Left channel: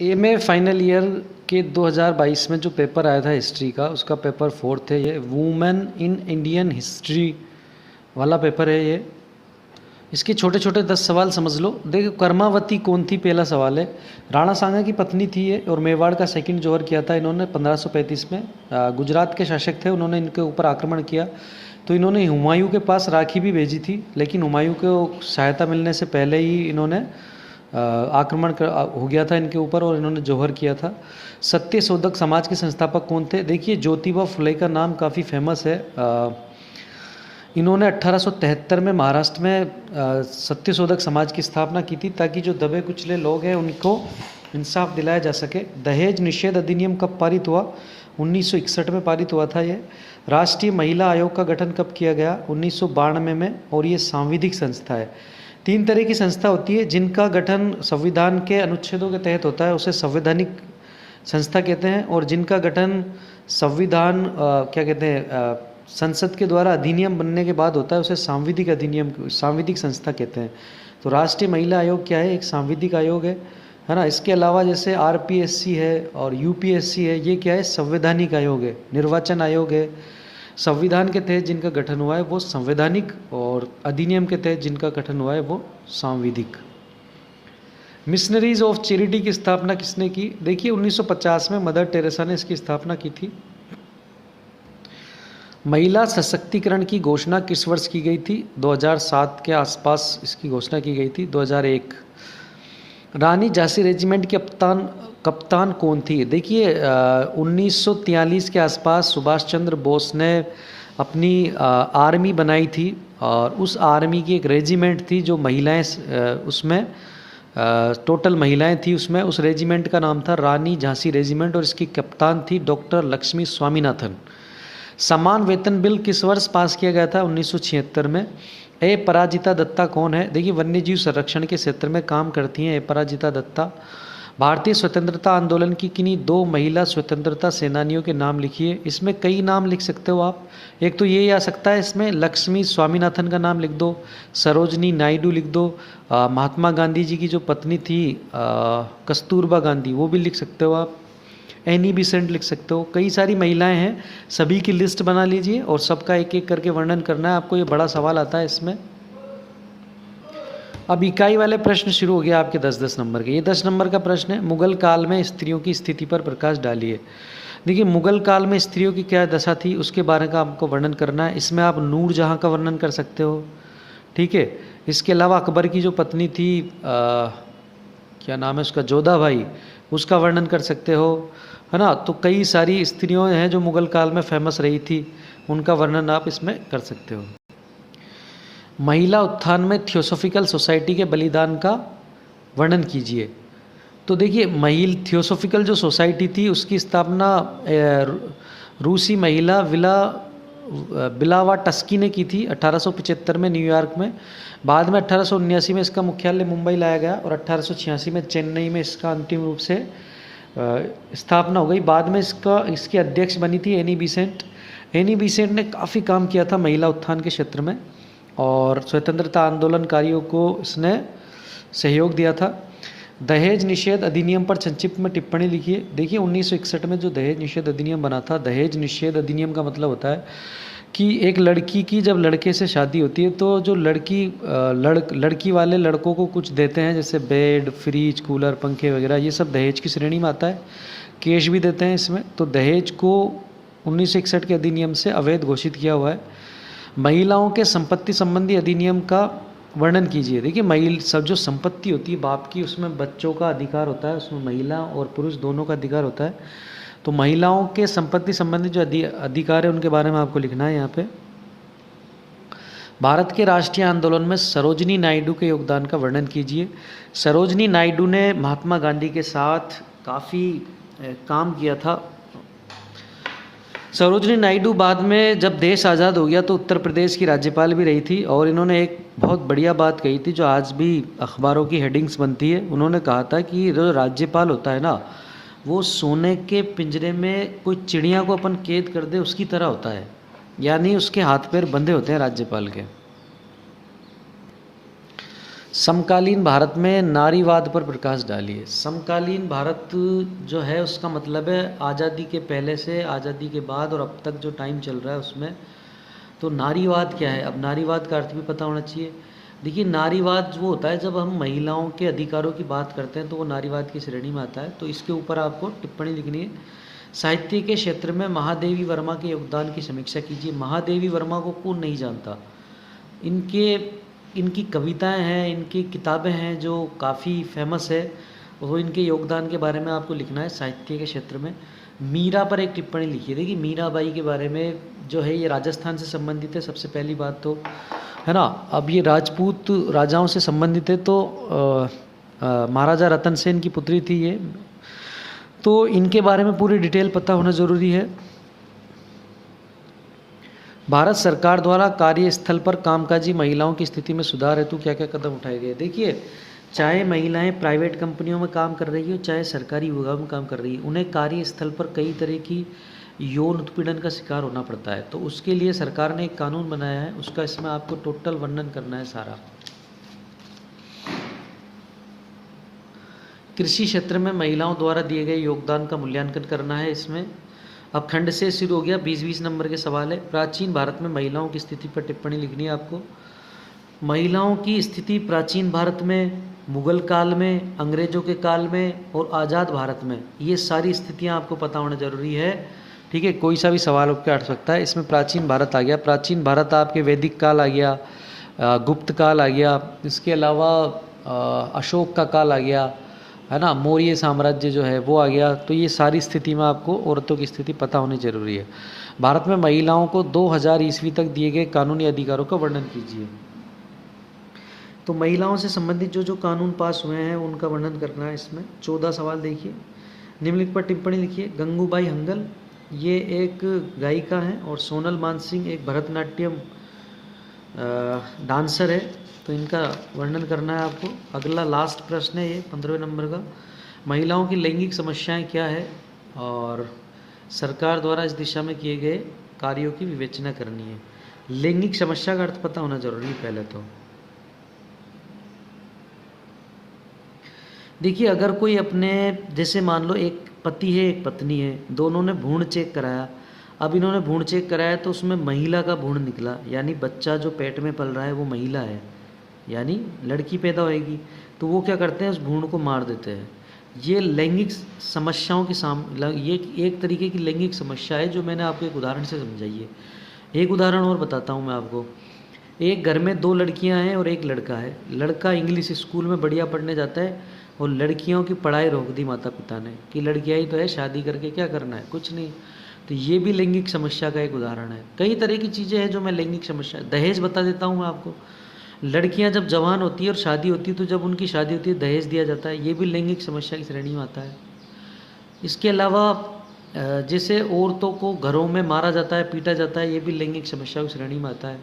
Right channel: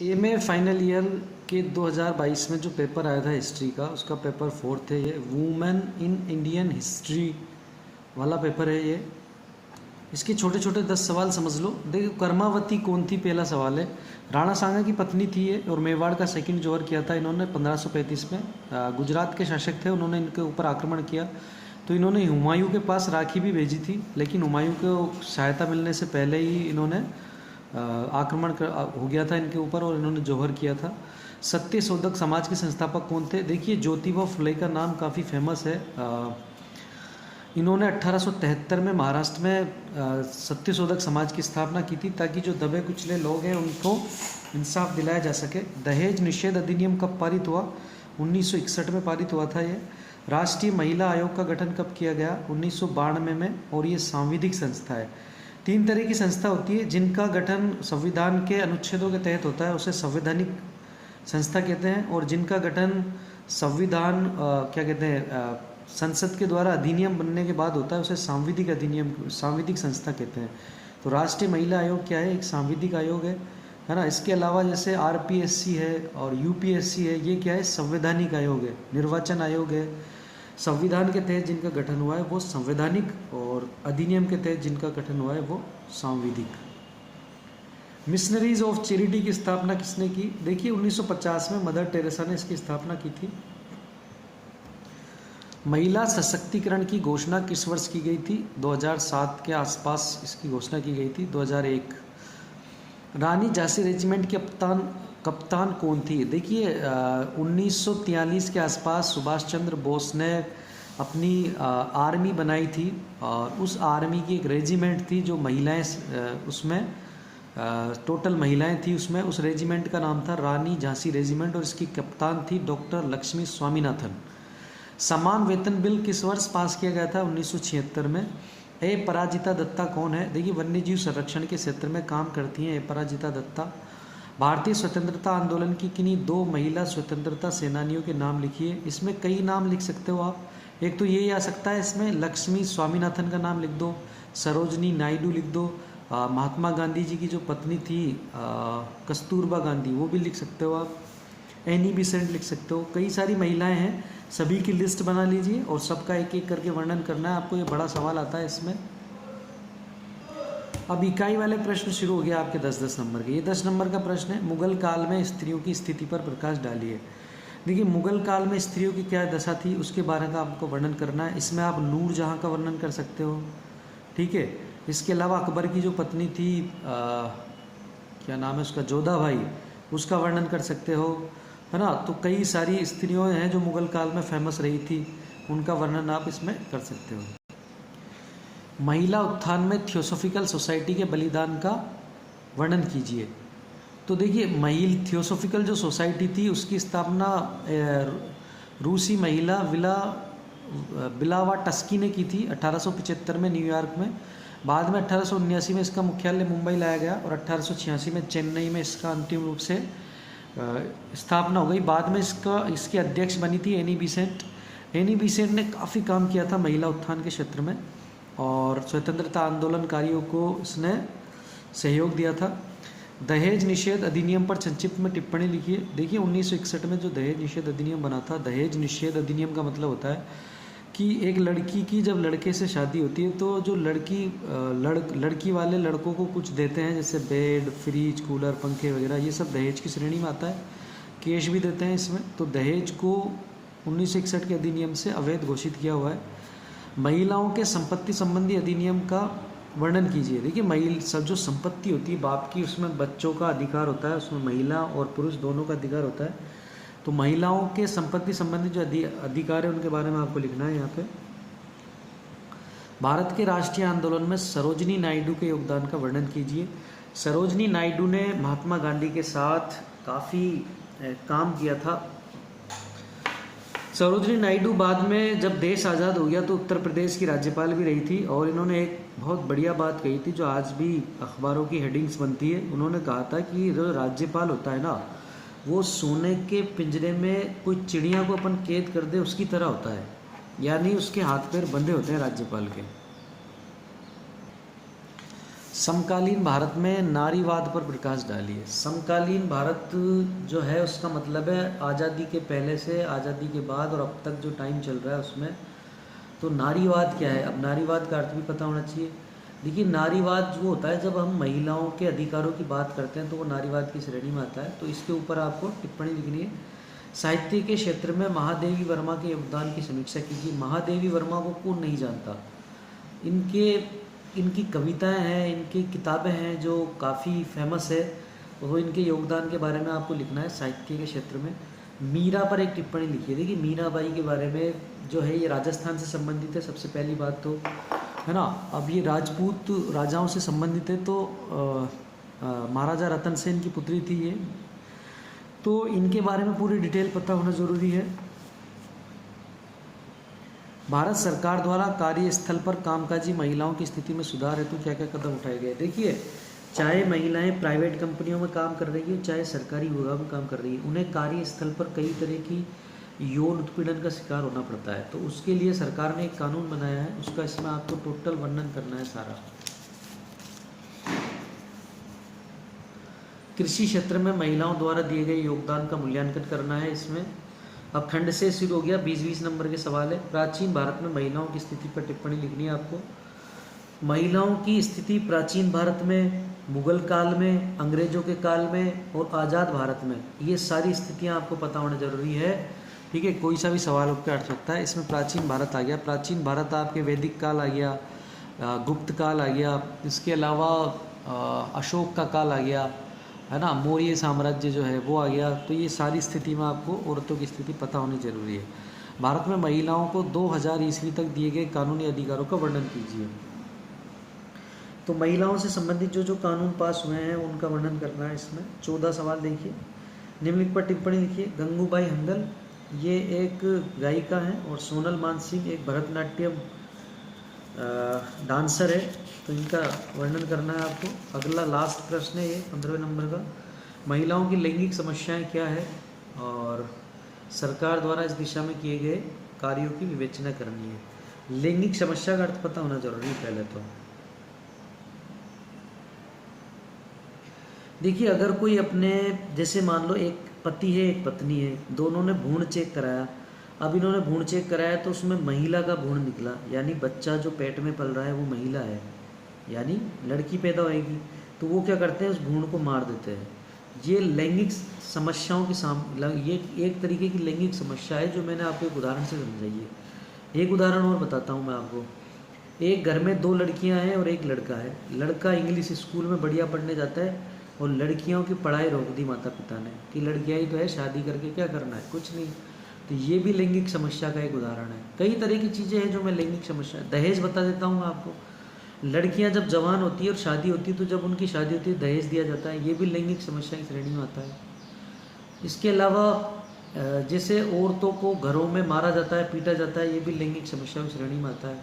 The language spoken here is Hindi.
एमए फाइनल ईयर के 2022 में जो पेपर आया था हिस्ट्री का, उसका पेपर 4 है ये। वुमेन इन इंडियन हिस्ट्री वाला पेपर है ये। इसके छोटे छोटे 10 सवाल समझ लो। देखो, कर्मावती कौन थी, पहला सवाल है। राणा सांगा की पत्नी थी ये, और मेवाड़ का सेकंड जोहर किया था इन्होंने 1535 में। गुजरात के शासक थे, उन्होंने इनके ऊपर आक्रमण किया तो इन्होंने हुमायूं के पास राखी भी भेजी थी, लेकिन हुमायूं को सहायता मिलने से पहले ही इन्होंने आक्रमण हो गया था इनके ऊपर और इन्होंने जौहर किया था। सत्यशोधक समाज के संस्थापक कौन थे? देखिए, ज्योतिबा फुले का नाम काफ़ी फेमस है। इन्होंने 1873 में महाराष्ट्र में सत्यशोधक समाज की स्थापना की थी, ताकि जो दबे कुचले लोग हैं उनको इंसाफ दिलाया जा सके। दहेज निषेध अधिनियम कब पारित हुआ? 1961 में पारित हुआ था ये। राष्ट्रीय महिला आयोग का गठन कब किया गया? 1992 में, और ये सांविधिक संस्था है। 3 तरह की संस्था होती है जिनका गठन संविधान के अनुच्छेदों के तहत होता है, उसे संवैधानिक संस्था कहते हैं, और जिनका गठन संविधान क्या कहते हैं, संसद के द्वारा अधिनियम बनने के बाद होता है, उसे सांविधिक अधिनियम, सांविधिक संस्था कहते हैं। तो राष्ट्रीय महिला आयोग क्या है? एक सांविधिक आयोग है ना। इसके अलावा जैसे आरपीएससी है और यूपीएससी है, ये क्या है? संवैधानिक आयोग है। निर्वाचन आयोग है, संविधान के तहत जिनका गठन हुआ है वो संवैधानिक, और अधिनियम के तहत जिनका गठन हुआ है वो सांविधिक। मिशनरीज ऑफ चैरिटी की स्थापना किसने की? देखिए, 1950 में मदर टेरेसा ने इसकी स्थापना की थी। महिला सशक्तिकरण की घोषणा किस वर्ष की गई थी? 2007 के आसपास इसकी घोषणा की गई थी, 2001। रानी झांसी रेजिमेंट की कप्तान कौन थी? देखिए, 1943 के आसपास सुभाष चंद्र बोस ने अपनी आर्मी बनाई थी, और उस आर्मी की एक रेजिमेंट थी जो महिलाएं, उसमें टोटल महिलाएं थी उसमें। उस रेजिमेंट का नाम था रानी झांसी रेजिमेंट, और इसकी कप्तान थी डॉक्टर लक्ष्मी स्वामीनाथन। समान वेतन बिल किस वर्ष पास किया गया था? 1976 में। अपराजिता दत्ता कौन है? देखिए, वन्यजीव संरक्षण के क्षेत्र में काम करती हैं अपराजिता दत्ता। भारतीय स्वतंत्रता आंदोलन की किन्हीं 2 महिला स्वतंत्रता सेनानियों के नाम लिखिए। इसमें कई नाम लिख सकते हो आप। एक तो ये आ सकता है इसमें, लक्ष्मी स्वामीनाथन का नाम लिख दो, सरोजनी नायडू लिख दो, महात्मा गांधी जी की जो पत्नी थी कस्तूरबा गांधी, वो भी लिख सकते हो आप। एनी बिसेंट लिख सकते हो। कई सारी महिलाएं हैं, सभी की लिस्ट बना लीजिए और सबका एक एक करके वर्णन करना है आपको। ये बड़ा सवाल आता है इसमें। अब इकाई वाले प्रश्न शुरू हो गया आपके 10-10 नंबर के। ये 10 नंबर का प्रश्न है, मुगल काल में स्त्रियों की स्थिति पर प्रकाश डालिए। देखिए, मुगल काल में स्त्रियों की क्या दशा थी उसके बारे का आपको वर्णन करना है। इसमें आप नूर जहाँ का वर्णन कर सकते हो, ठीक है। इसके अलावा अकबर की जो पत्नी थी, क्या नाम है उसका, जोधा भाई, उसका वर्णन कर सकते हो, है ना। तो कई सारी स्त्रियों हैं जो मुगल काल में फेमस रही थी, उनका वर्णन आप इसमें कर सकते हो। महिला उत्थान में थियोसॉफिकल सोसाइटी के बलिदान का वर्णन कीजिए। तो देखिए, थियोसॉफिकल जो सोसाइटी थी उसकी स्थापना रूसी महिला बिलावा टस्की ने की थी 1875 में न्यूयॉर्क में। बाद में 1879 में इसका मुख्यालय मुंबई लाया गया, और 1886 में चेन्नई में इसका अंतिम रूप से स्थापना हो गई। बाद में इसकी अध्यक्ष बनी थी एनी बिसेंट। एनी बिसेंट ने काफ़ी काम किया था महिला उत्थान के क्षेत्र में, और स्वतंत्रता आंदोलनकारियों को इसने सहयोग दिया था। दहेज निषेध अधिनियम पर संक्षिप्त में टिप्पणी लिखिए। देखिए, 1961 में जो दहेज निषेध अधिनियम बना था, दहेज निषेध अधिनियम का मतलब होता है कि एक लड़की की जब लड़के से शादी होती है तो जो लड़की वाले लड़कों को कुछ देते हैं, जैसे बेड, फ्रिज, कूलर, पंखे वगैरह, ये सब दहेज की श्रेणी में आता है। कैश भी देते हैं इसमें। तो दहेज को 1961 के अधिनियम से अवैध घोषित किया हुआ है। महिलाओं के संपत्ति संबंधी अधिनियम का वर्णन कीजिए। देखिए, सब जो संपत्ति होती है बाप की, उसमें बच्चों का अधिकार होता है, उसमें महिला और पुरुष दोनों का अधिकार होता है। तो महिलाओं के संपत्ति संबंधी जो अधिकार है उनके बारे में आपको लिखना है यहाँ पे। भारत के राष्ट्रीय आंदोलन में सरोजनी नायडू के योगदान का वर्णन कीजिए। सरोजनी नायडू ने महात्मा गांधी के साथ काफ़ी काम किया था। सरोजनी नायडू बाद में जब देश आज़ाद हो गया तो उत्तर प्रदेश की राज्यपाल भी रही थी, और इन्होंने एक बहुत बढ़िया बात कही थी जो आज भी अखबारों की हेडिंग्स बनती है। उन्होंने कहा था कि जो राज्यपाल होता है ना, वो सोने के पिंजरे में कोई चिड़िया को अपन कैद कर दे उसकी तरह होता है, यानी उसके हाथ पैर बंधे होते हैं राज्यपाल के। समकालीन भारत में नारीवाद पर प्रकाश डालिए। समकालीन भारत जो है उसका मतलब है आज़ादी के पहले से आज़ादी के बाद और अब तक जो टाइम चल रहा है उसमें। तो नारीवाद क्या है, अब नारीवाद का अर्थ भी पता होना चाहिए। देखिए नारीवाद वो होता है जब हम महिलाओं के अधिकारों की बात करते हैं तो वो नारीवाद की श्रेणी में आता है। तो इसके ऊपर आपको टिप्पणी लिखनी है। साहित्य के क्षेत्र में महादेवी वर्मा के योगदान की समीक्षा कीजिए। महादेवी वर्मा को कौन नहीं जानता, इनकी कविताएं हैं, इनकी किताबें हैं जो काफ़ी फेमस है, वो इनके योगदान के बारे में आपको लिखना है साहित्य के क्षेत्र में। मीरा पर एक टिप्पणी लिखिए। देखिए मीराबाई के बारे में जो है ये राजस्थान से संबंधित है सबसे पहली बात तो, है ना। अब ये राजपूत राजाओं से संबंधित है तो महाराजा रतन सेन की पुत्री थी ये, तो इनके बारे में पूरी डिटेल पता होना ज़रूरी है। भारत सरकार द्वारा कार्यस्थल पर कामकाजी महिलाओं की स्थिति में सुधार हेतु क्या क्या कदम उठाए गए। देखिए चाहे महिलाएं प्राइवेट कंपनियों में काम कर रही हो चाहे सरकारी विभाग में काम कर रही है, उन्हें कार्यस्थल पर कई तरह की यौन उत्पीड़न का शिकार होना पड़ता है। तो उसके लिए सरकार ने एक कानून बनाया है, उसका इसमें आपको टोटल वर्णन करना है सारा। कृषि क्षेत्र में महिलाओं द्वारा दिए गए योगदान का मूल्यांकन करना है इसमें। अब खंड से शुरू हो गया, 20-20 नंबर के सवाल है। प्राचीन भारत में महिलाओं की स्थिति पर टिप्पणी लिखनी है आपको। महिलाओं की स्थिति प्राचीन भारत में, मुगल काल में, अंग्रेजों के काल में और आज़ाद भारत में, ये सारी स्थितियां आपको पता होना जरूरी है। ठीक है, कोई सा भी सवाल आपके आ सकता है। इसमें प्राचीन भारत आ गया, प्राचीन भारत आपके वैदिक काल आ गया, गुप्त काल आ गया, इसके अलावा अशोक का काल आ गया, है ना, मौर्य साम्राज्य जो है वो आ गया। तो ये सारी स्थिति में आपको औरतों की स्थिति पता होनी जरूरी है। भारत में महिलाओं को 2000 ईस्वी तक दिए गए कानूनी अधिकारों का वर्णन कीजिए। तो महिलाओं से संबंधित जो जो कानून पास हुए हैं उनका वर्णन करना है इसमें। 14 सवाल देखिए, निम्नलिखित पर टिप्पणी लिखिए। गंगूबाई हंगल ये एक गायिका हैं और सोनल मानसिंह एक भरतनाट्यम डांसर है, तो इनका वर्णन करना है आपको। अगला लास्ट प्रश्न है ये 15वें नंबर का, महिलाओं की लैंगिक समस्याएं क्या है और सरकार द्वारा इस दिशा में किए गए कार्यों की विवेचना करनी है। लैंगिक समस्या का अर्थ पता होना जरूरी है पहले तो। देखिए अगर कोई अपने, जैसे मान लो एक पति है एक पत्नी है, दोनों ने भ्रूण चेक कराया। अब इन्होंने भ्रूण चेक कराया तो उसमें महिला का भ्रूण निकला, यानी बच्चा जो पेट में पल रहा है वो महिला है, यानी लड़की पैदा होएगी। तो वो क्या करते हैं, उस भ्रूण को मार देते हैं। ये लैंगिक समस्याओं के सामने, ये एक तरीके की लैंगिक समस्या है जो मैंने आपको एक उदाहरण से समझाई है। एक उदाहरण और बताता हूँ मैं आपको। एक घर में 2 लड़कियां हैं और एक लड़का है। लड़का इंग्लिश स्कूल में बढ़िया पढ़ने जाता है और लड़कियों की पढ़ाई रोक दी माता पिता ने कि लड़कियां ही तो है, शादी करके क्या करना है, कुछ नहीं। तो ये भी लैंगिक समस्या का एक उदाहरण है। कई तरह की चीज़ें हैं जो मैं लैंगिक समस्या, दहेज बता देता हूँ मैं आपको। लड़कियां जब जवान होती है और शादी होती है तो जब उनकी शादी होती है दहेज दिया जाता है, ये भी लैंगिक समस्या की श्रेणी में आता है। इसके अलावा जैसे औरतों को घरों में मारा जाता है, पीटा जाता है, ये भी लैंगिक समस्या की श्रेणी में आता है।